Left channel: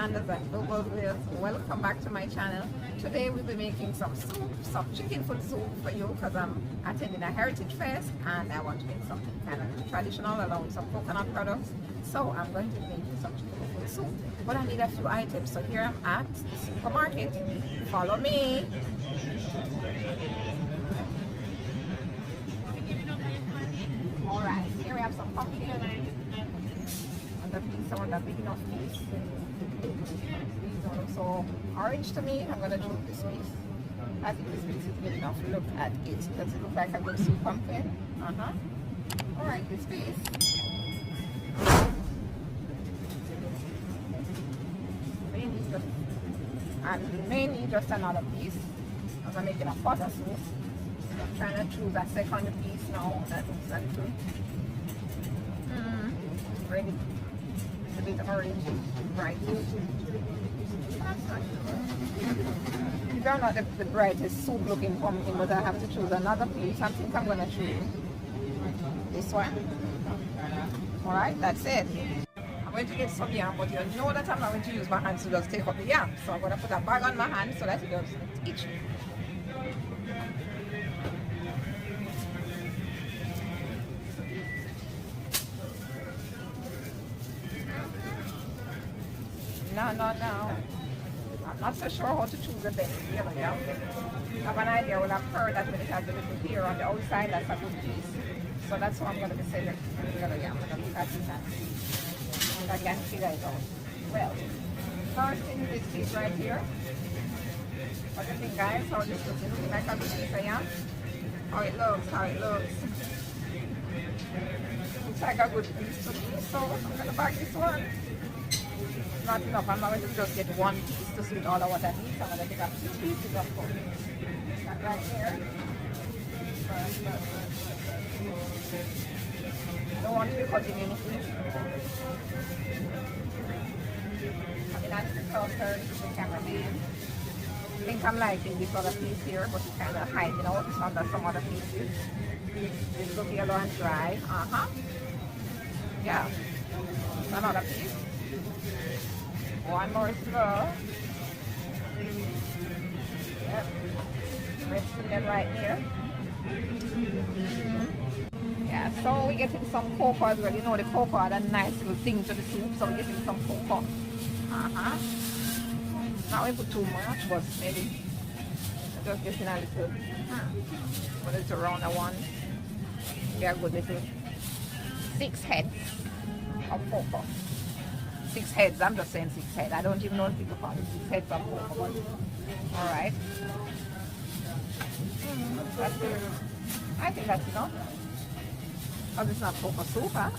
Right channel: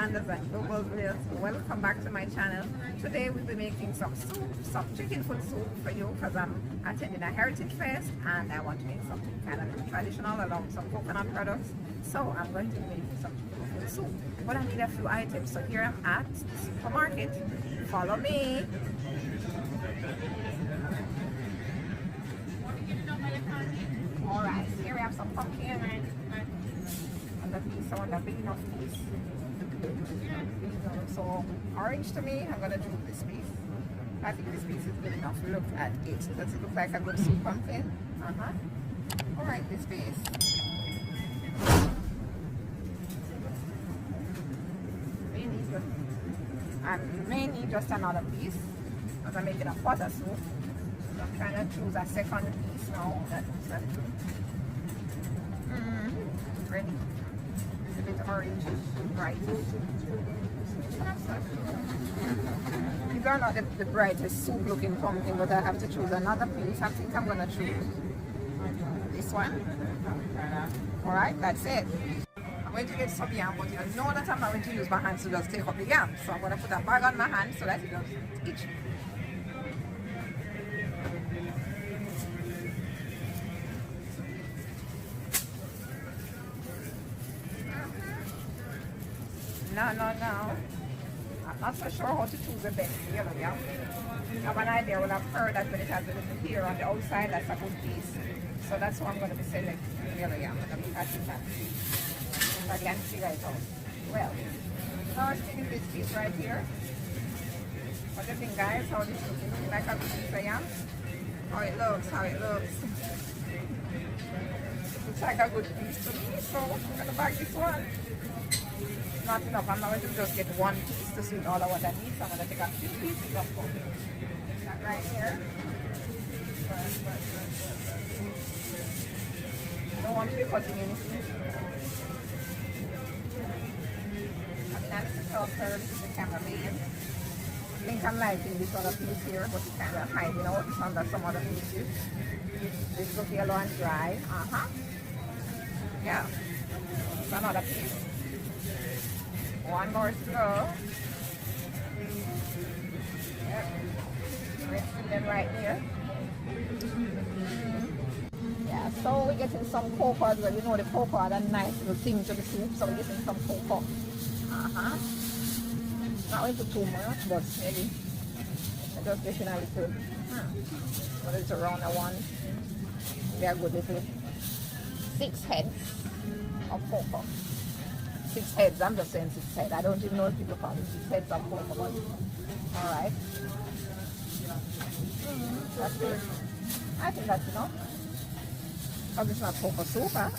Islanders and Global Viewers, welcome back to my channel. Today we'll be making some soup, some chicken foot soup for you because I'm attending a heritage fest and I want to make something kind of traditional along with some coconut products. So I'm going to be making some chicken foot soup, but I need a few items. So here I'm at the supermarket. Follow me. Alright, here we have some pumpkin. And the piece, I want a big enough piece. This don't look so orange to me. I'm gonna choose this piece. I think this piece is good enough. Look at it. Does it look like a good sweet pumpkin? Alright, this piece. Mainly just another piece. As I'm making a butter soup. So I'm trying to choose a second piece now. That looks like two. Red. It's a bit orange, bright. These are not the brightest soup looking pumpkin, but I have to choose another piece. I think I'm gonna choose this one. Alright, that's it. I'm going to get some yam, but you know that I'm not going to use my hands to just take up the yam. So I'm going to put a bag on my hand so that it doesn't itch. No. I'm not so sure how to choose the best yellow yam. I have an idea. Well, I've heard that when it has a little hair on the outside, that's a good piece. So that's why I'm going to be selecting the yellow yam. I'm going to look at it and see. I can figure it out. Well, first thing is this piece right here. What do you think, guys? How this looks? It looking like a good piece of yam? How it looks. Looks like a good piece to me, so I'm gonna bag this one. Not enough. I'm not going to just get one piece to suit all of what I need, so I'm gonna take a few pieces of pumpkin. That right here. I don't want to be cutting anything. That's the closer, this is the cameraman. I think I'm liking this other piece here, but it's kind of hiding out under some other pieces. This looks yellow and dry. Yeah. It's another piece. One more to go. Yep. Resting them right here. Yeah, so we're getting some cocoa as well. You know the cocoa had a nice little thing to the soup, so we're getting some cocoa. Not we put too much, but maybe just getting a little. But it's around a one. We are good little 6 heads of cocoa. 6 heads. I'm just saying 6 heads. I don't even know if people call it 6 heads of cocoa. But all right. That's it. I think that's enough. But it's not cocoa soup, huh?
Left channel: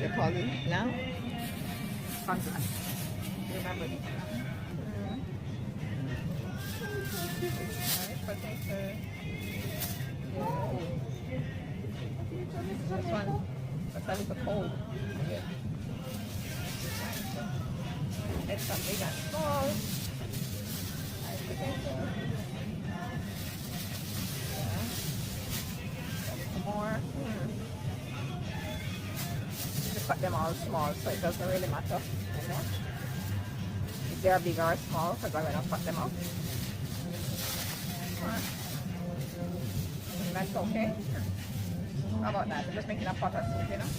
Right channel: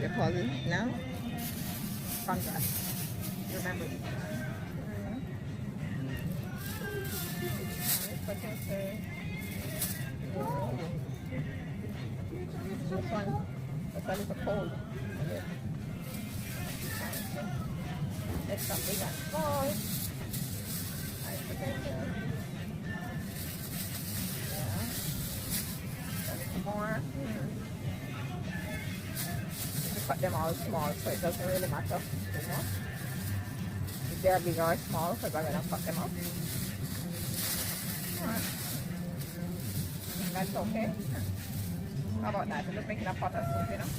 You're calling it now? Fantastic. Remember it. Potato. This one, that's a little cold. Okay. Let's some big and small. Potato. More. Just cut them all small, so it doesn't really matter too much if they are big or small, because I'm going to cut them up. That's okay. How about that? I'm just making a pot of soup, you know?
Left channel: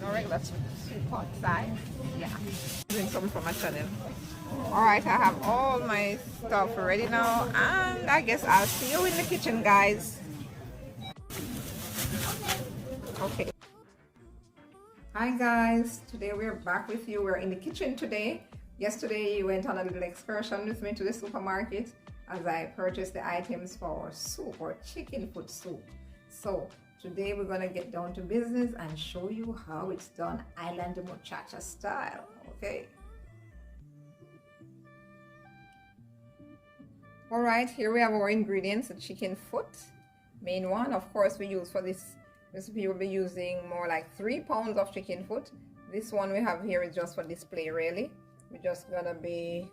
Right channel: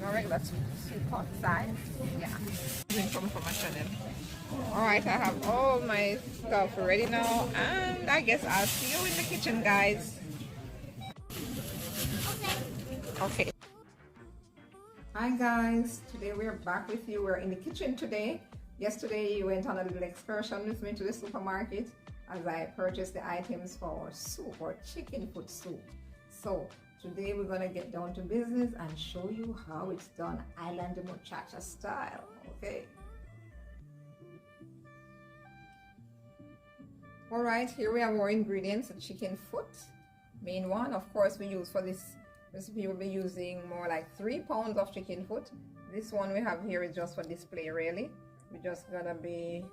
No regular soup pot size. Yeah. Doing something for my channel. Alright, I have all my stuff ready now, and I guess I'll see you in the kitchen, guys. Okay. Hi guys, today we're back with you. We're in the kitchen today. Yesterday you went on a little excursion with me to the supermarket as I purchased the items for soup or chicken foot soup. So today we're gonna get down to business and show you how it's done island muchacha style. Okay. Alright, here we have our ingredients: the chicken foot, main one. Of course, we use for this recipe we'll be using more like 3 pounds of chicken foot. This one we have here is just for display, really. We're just gonna be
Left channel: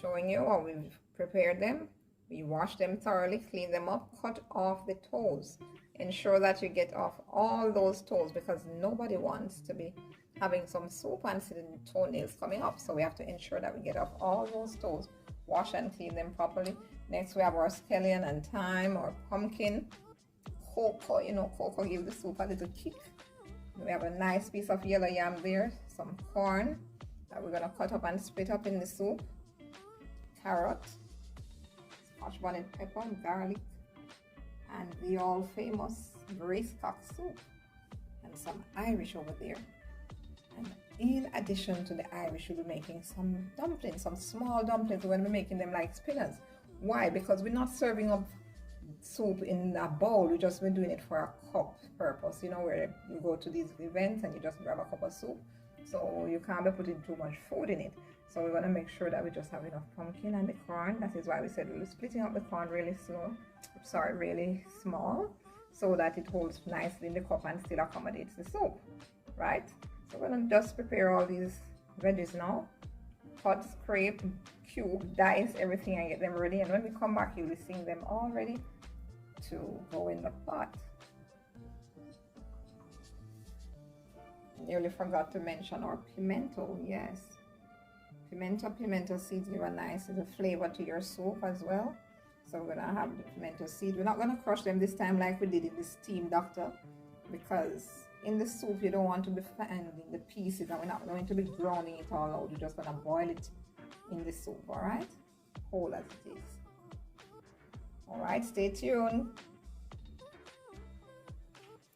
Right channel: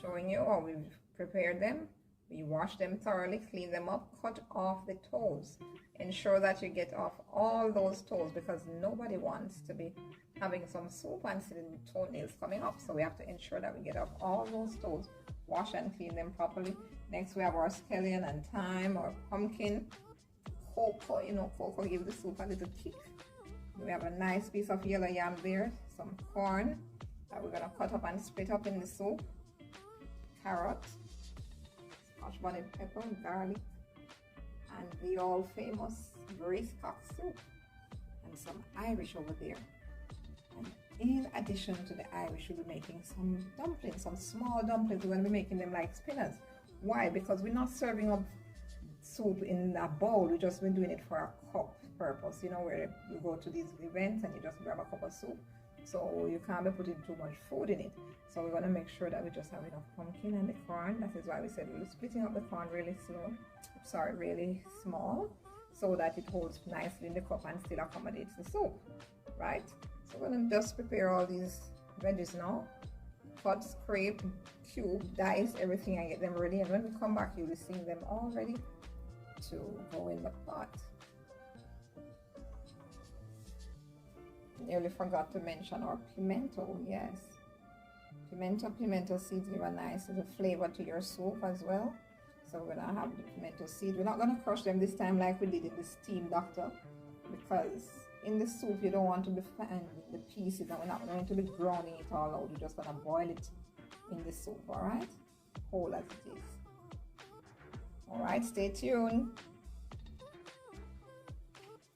showing you how we've prepared them. We wash them thoroughly, clean them up, cut off the toes. Ensure that you get off all those toes because nobody wants to be having some soup and see the toenails coming up. So we have to ensure that we get off all those toes. Wash and clean them properly. Next we have our scallion and thyme or pumpkin. Coco, you know, coco gives the soup a little kick. We have a nice piece of yellow yam there, some corn that we're gonna cut up and split up in the soup. Carrot, scotch bonnet pepper, garlic, and the all famous cock soup, and some Irish over there. And in addition to the Irish, we'll be making some dumplings, some small dumplings. We're going to be making them like spinners. Why? Because we're not serving up soup in a bowl. We've just been doing it for a cup purpose. You know, where you go to these events and you just grab a cup of soup. So you can't be putting too much food in it. So we're going to make sure that we just have enough pumpkin and the corn. That is why we said we're splitting up the corn really really small, so that it holds nicely in the cup and still accommodates the soup, right? So we're going to just prepare all these veggies now. Cut, scrape, cube, dice everything and get them ready. And when we come back, you'll be seeing them all ready to go in the pot. Nearly forgot to mention our pimento. Yes, pimento seeds give a nice little flavor to your soup as well. So we're gonna have the pimento seed. We're not gonna crush them this time like we did in the steam doctor, because in the soup you don't want to be finding the pieces, and we're not going to be browning it all out. We're just gonna boil it in the soup, all right, whole as it is. All right, stay tuned.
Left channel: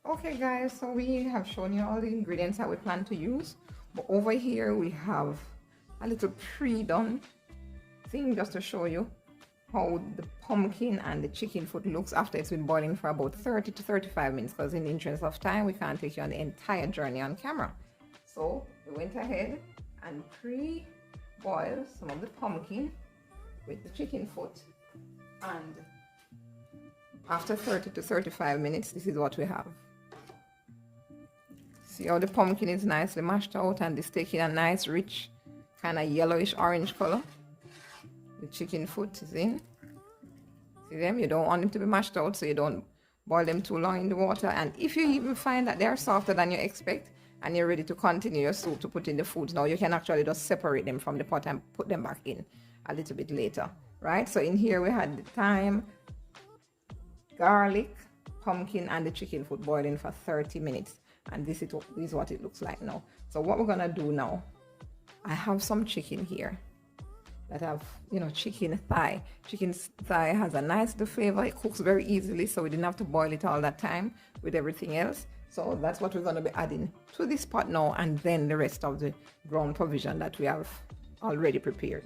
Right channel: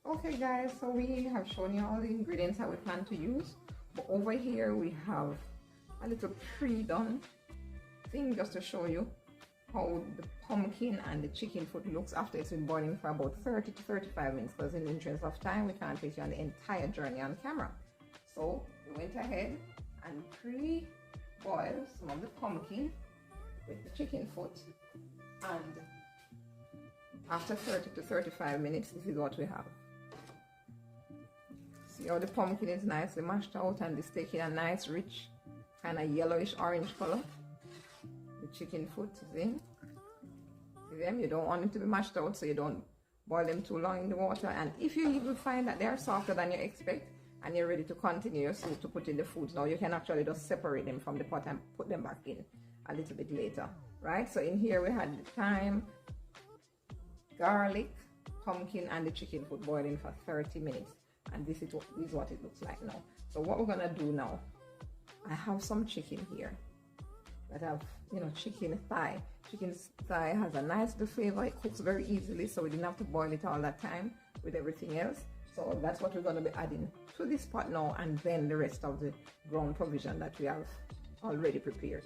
Okay guys, so we have shown you all the ingredients that we plan to use, but over here we have a little pre-done thing just to show you how the pumpkin and the chicken foot looks after it's been boiling for about 30 to 35 minutes, because in the interest of time we can't take you on the entire journey on camera. So we went ahead and pre-boiled some of the pumpkin with the chicken foot, and after 30 to 35 minutes this is what we have. See how the pumpkin is nicely mashed out and it's taking a nice rich kind of yellowish orange color. The chicken foot is in. See them? You don't want them to be mashed out, so you don't boil them too long in the water. And if you even find that they're softer than you expect and you're ready to continue your soup to put in the foods, now you can actually just separate them from the pot and put them back in a little bit later, right? So in here we had the thyme, garlic, pumpkin, and the chicken foot boiling for 30 minutes. And this is what it looks like now. So what we're gonna do now, I have some chicken here that have, you know, chicken thigh. Chicken thigh has a nice little flavor. It cooks very easily, so we didn't have to boil it all that time with everything else. So that's what we're going to be adding to this pot now, and then the rest of the ground provision that we have already prepared.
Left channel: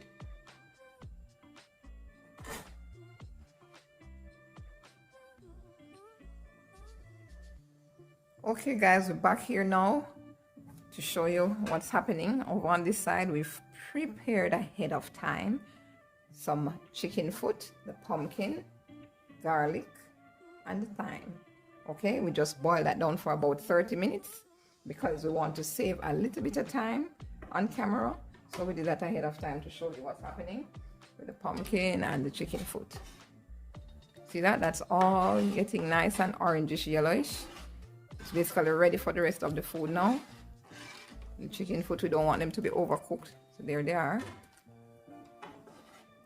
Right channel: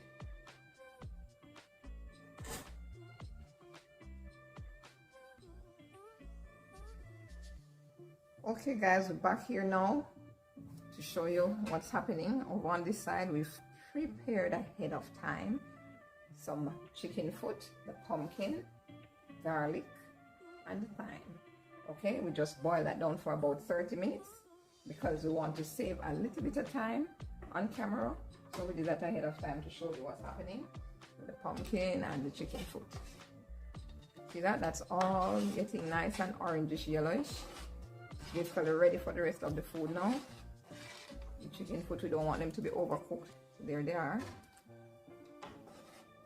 Okay guys, we're back here now to show you what's happening. Over on this side, we've prepared ahead of time some chicken foot, the pumpkin, garlic, and the thyme. Okay, we just boil that down for about 30 minutes because we want to save a little bit of time on camera. So we did that ahead of time to show you what's happening with the pumpkin and the chicken foot. See that? That's all getting nice and orangish yellowish. It's basically ready for the rest of the food now. The chicken foot, we don't want them to be overcooked. So there they are.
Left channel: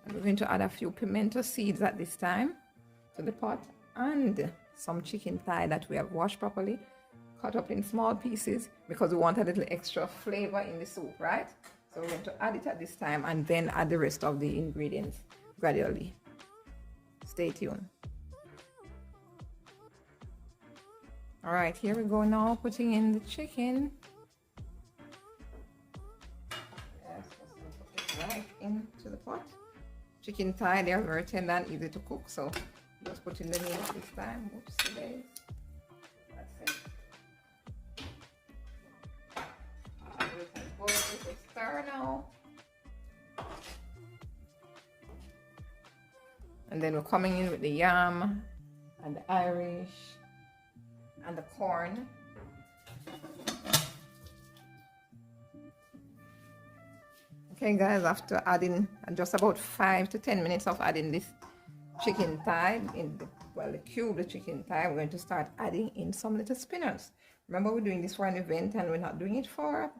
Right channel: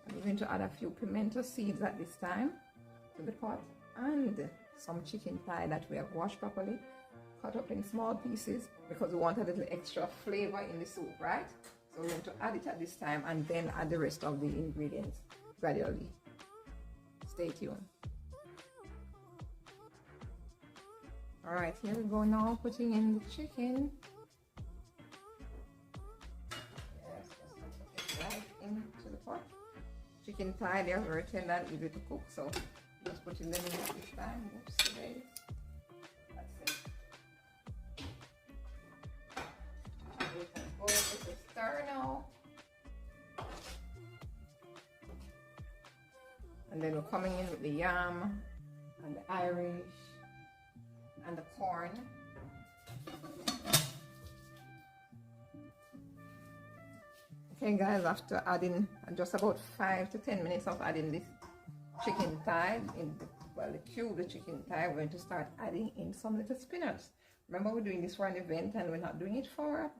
And we're going to add a few pimento seeds at this time to the pot, and some chicken thigh that we have washed properly, cut up in small pieces because we want a little extra flavor in the soup, right? So we're going to add it at this time and then add the rest of the ingredients gradually. Stay tuned. All right, here we go now, putting in the chicken. Yes, let's put it right into the pot. Chicken thigh, they're very tender and easy to cook, so just put in the meat this time. Oops, guys. That's it. We can go with the stir now. And then we're coming in with the yam and the Irish and the corn. Okay guys, after adding just about 5 to 10 minutes of adding this chicken thigh, the cube, the chicken thigh, we're going to start adding in some little spinners. Remember, we're doing this for an event and we're not doing it for a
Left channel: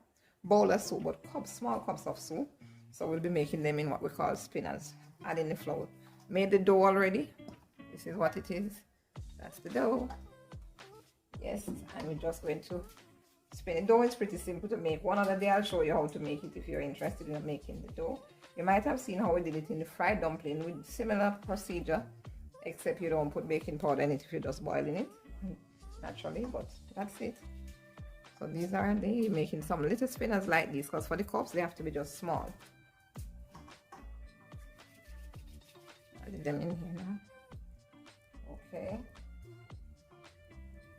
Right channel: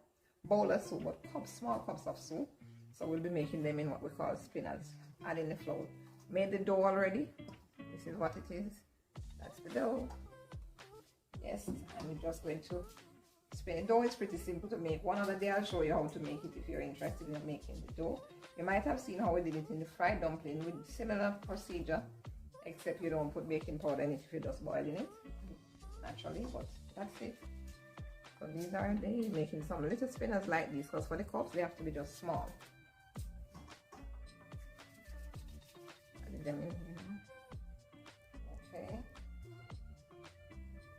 bowl of soup, but small cups of soup. So we'll be making them in what we call spinners. Adding the flour. Made the dough already. This is what it is. That's the dough. Yes, and we're just going to spin it. Dough is pretty simple to make. One other day I'll show you how to make it if you're interested in making the dough. You might have seen how we did it in the fried dumpling with similar procedure, except you don't put baking powder in it if you're just boiling it naturally, but that's it. So these are making some little spinners like these, because for the cups they have to be just small. Add them in here now. Okay.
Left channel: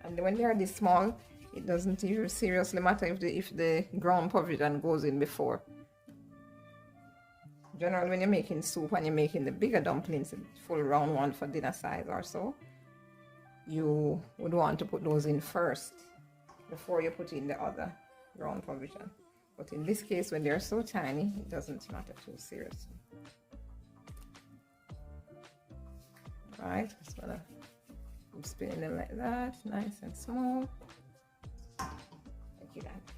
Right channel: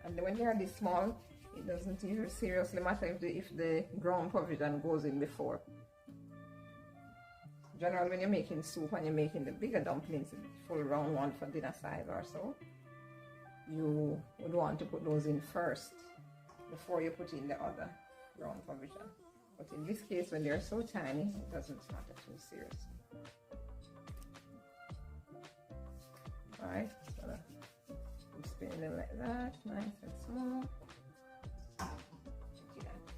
And when they are this small, it doesn't seriously matter if the ground provision goes in before. Generally, when you're making soup and you're making the bigger dumplings, full round one for dinner size or so, you would want to put those in first before you put in the other ground provision. But in this case, when they're so tiny, it doesn't matter too seriously. Right, just gonna keep spinning them like that, nice and small. Check it out.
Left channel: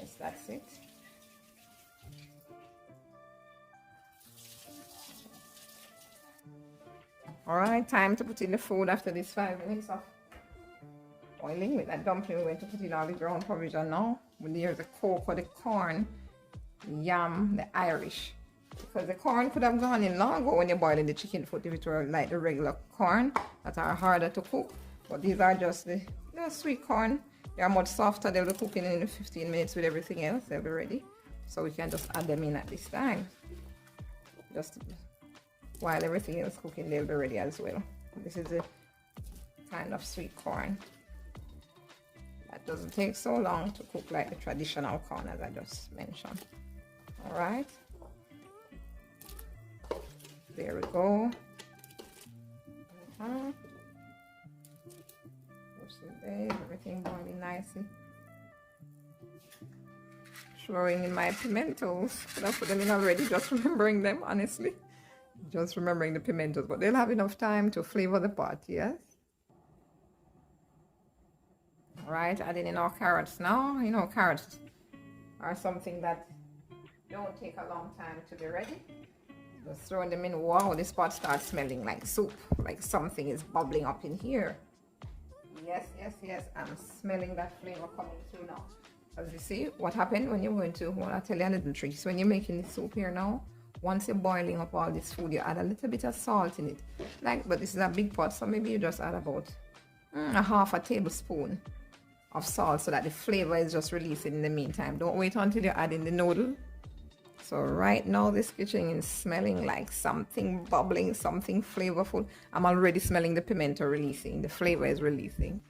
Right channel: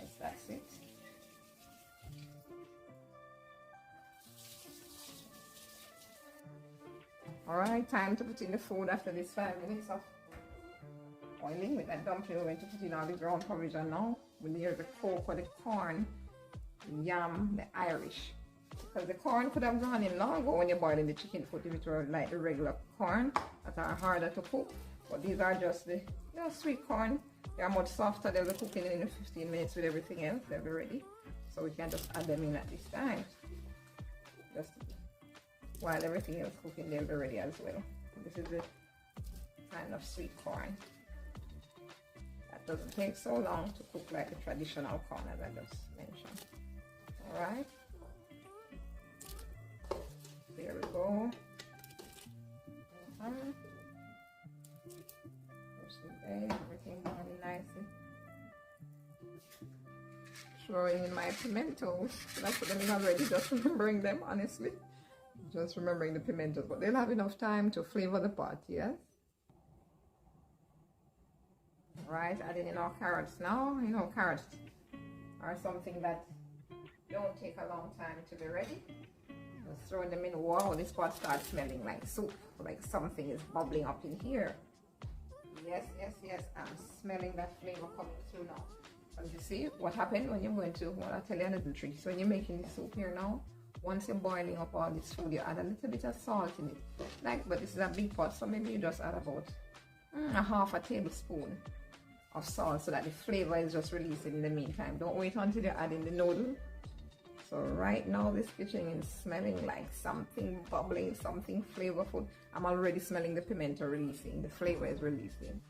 Yes, that's it. Alright, time to put in the food after this 5 minutes of boiling. With that dumpling, we're going to put in all the ground provision now. Here's the cocoa, the corn, the yam, the Irish. Because the corn could have gone in long ago when you're boiling the chicken foot if it were like the regular corn that are harder to cook. But these are just the sweet corn. They are much softer. They'll be cooking in 15 minutes with everything else. They'll be ready. So we can just add them in at this time. Just while everything else cooking, they'll be ready as well. This is a kind of sweet corn. That doesn't take so long to cook like the traditional corn as I just mentioned. Alright. There we go. Everything boiling nicely. Throwing in my pimentos. But I put them in already, just remembering them, honestly. Just remembering the pimentos, but they'll have enough time to flavor the pot, yes? Alright, adding in our carrots now. You know, carrots are something that don't take a long time to be ready. Just throwing them in. Wow, this pot starts smelling like soup, like something is bubbling up in here. Yes, yes, yes, I'm smelling that flavor coming through now. As you see, what happened when you're going to, well, I'll tell you a little trick. So when you're making the soup here now, once you're boiling up all this food, you add a little bit of salt in it. But this is a big pot, so maybe you just add about a half a tablespoon of salt so that the flavor is just releasing in the meantime. Don't wait until you add in the noodle. So right now this kitchen is smelling like something bubbling, something flavorful. I'm already smelling the pimento releasing. The flavor is releasing.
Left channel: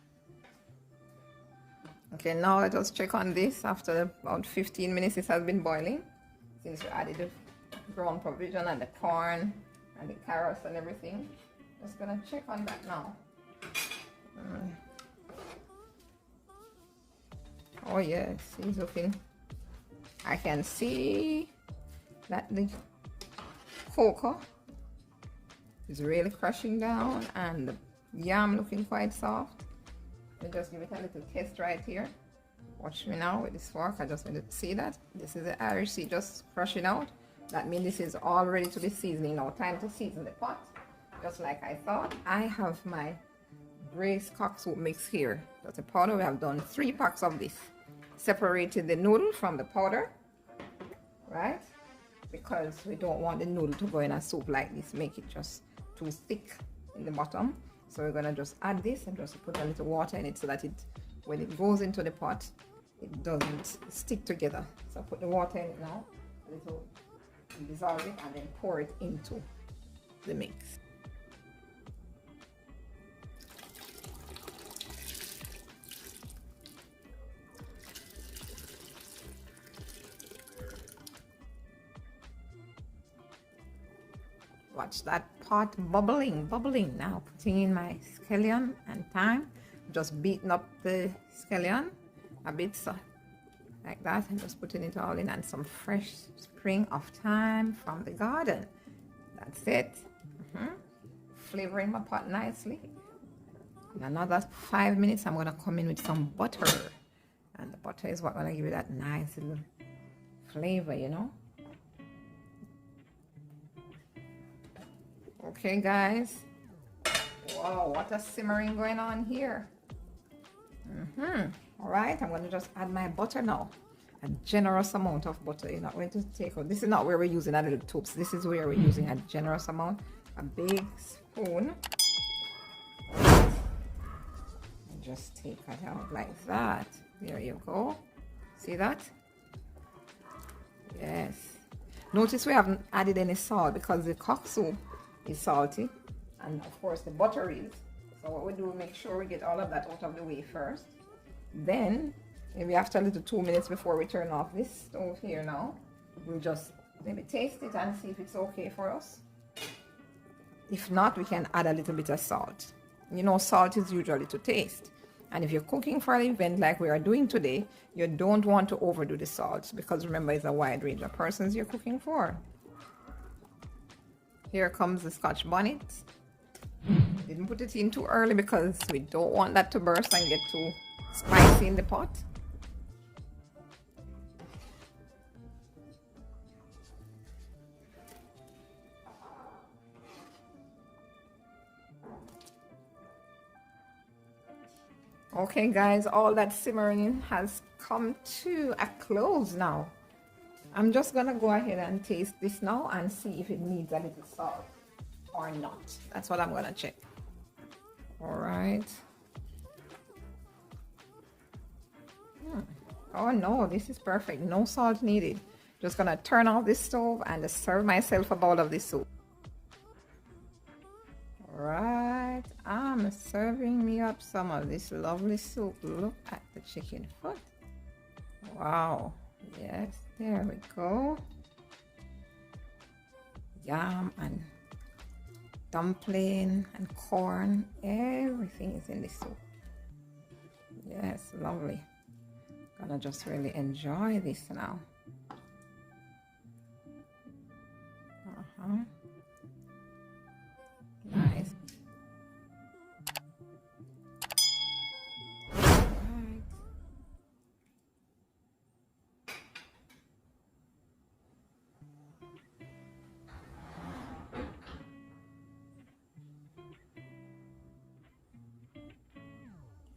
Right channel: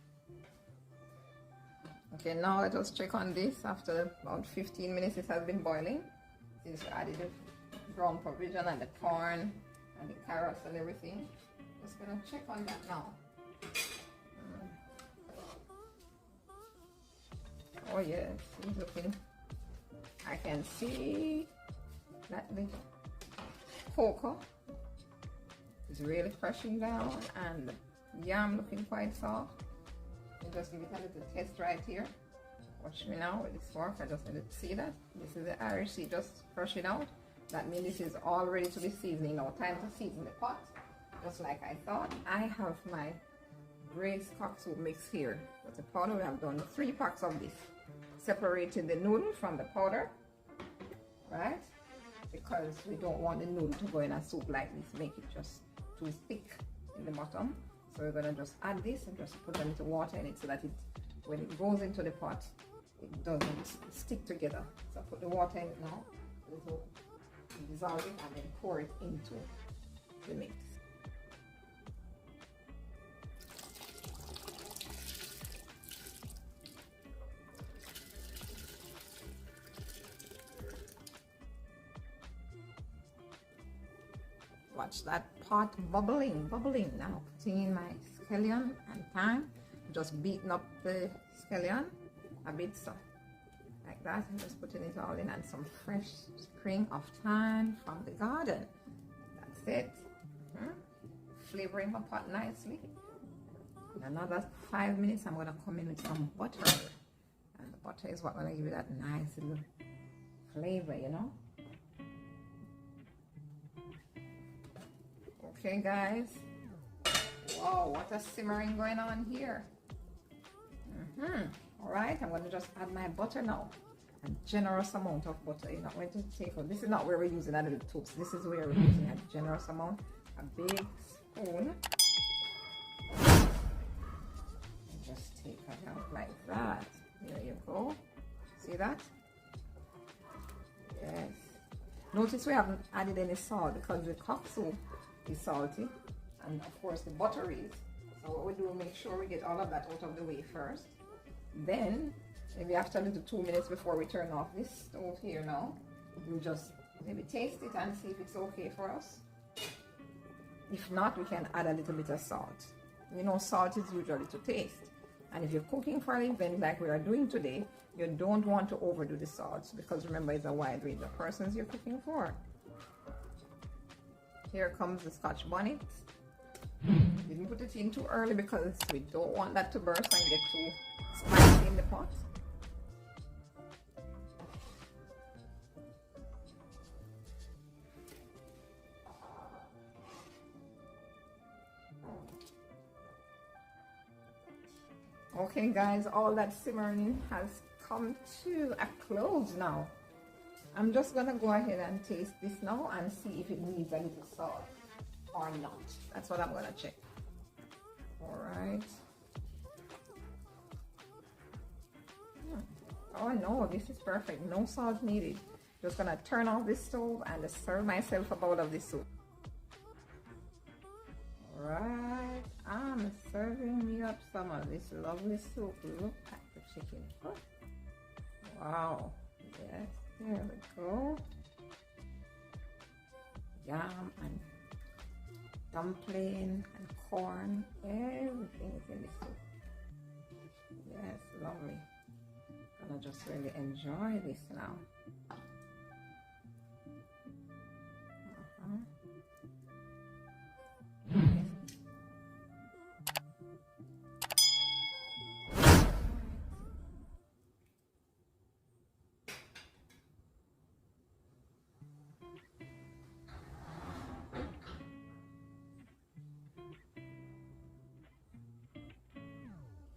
Okay, now let us check on this. After about 15 minutes it has been boiling. Since we added the ground provision and the corn and the carrots and everything. Just gonna check on that now. Oh yes, he's looking. I can see that the cocoa is really crushing down and the yam looking quite soft. I'll just give it a little test right here. Watch me now with this fork. I just need to see that. This is the Irish seed just crushing out. That means this is all ready to be seasoning now. Time to season the pot. Just like I thought, I have my braised cock soup mix here. That's a powder. We have done 3 packs of this. Separated the noodle from the powder, right? Because we don't want the noodle to go in a soup like this, make it just too thick in the bottom. So we're gonna just add this and just put a little water in it so that when it goes into the pot, it doesn't stick together. So put the water in it now, dissolve it, and then pour it into the mix. Watch that pot bubbling now. Putting in my scallion and thyme. Just beating up the scallion a bit so like that, and just putting it all in, and some fresh spring of thyme from the garden. That's it. Flavoring my pot nicely. In another 5 minutes, I'm gonna come in with some butter, and the butter is what gonna give it that nice little flavor, you know. Okay, guys. Wow, what a simmering going on here. All right, I'm going to just add my butter now. A generous amount of butter. You're not going to take out. This is not where we're using a little tubes. This is where we're using a generous amount. A big spoon. And just take it out like that. There you go. See that? Yes. Notice we haven't added any salt because the cock soup is salty, and of course the butter is. So what we do, make sure we get all of that out of the way first. Then maybe after a little 2 minutes before we turn off this stove here now, we'll just maybe taste it and see if it's okay for us. If not, we can add a little bit of salt. You know, salt is usually to taste, and if you're cooking for an event like we are doing today, you don't want to overdo the salt, because remember, it's a wide range of persons you're cooking for. Here comes the scotch bonnet. Didn't put it in too early because we don't want that to burst and get too spicy in the pot. Okay, guys, all that simmering has come to a close now. I'm just gonna go ahead and taste this now and see if it needs a little salt or not. That's what I'm gonna check. All right. Oh no, this is perfect. No salt needed. Just gonna turn off this stove and serve myself a bowl of this soup. All right, I'm serving me up some of this lovely soup. Look at the chicken foot. Wow. Yes, there we go. Yam and dumpling and corn, everything is in the soup. Yes, lovely. Gonna just really enjoy this now. Nice.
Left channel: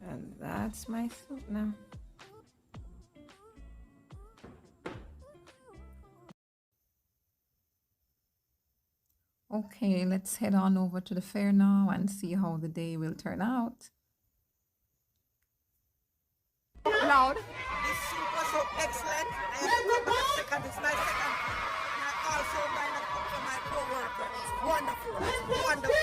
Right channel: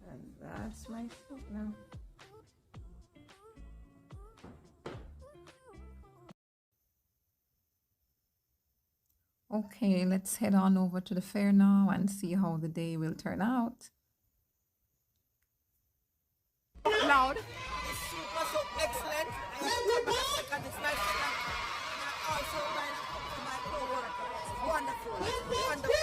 And that's my soup now. Okay, let's head on over to the fair now and see how the day will turn out. Loud. This soup was so excellent. I have to come back a second. It's my second. And I also buy a cup for my co-worker. It's wonderful. It's wonderful.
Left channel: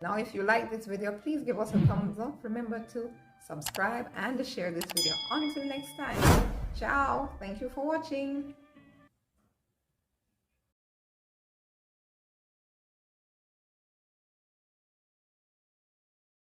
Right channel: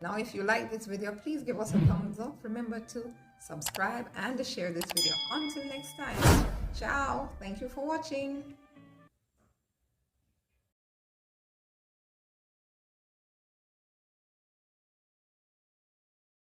Now, if you like this video, please give us a thumbs up. Remember to subscribe and to share this video. Until next time. Ciao. Thank you for watching.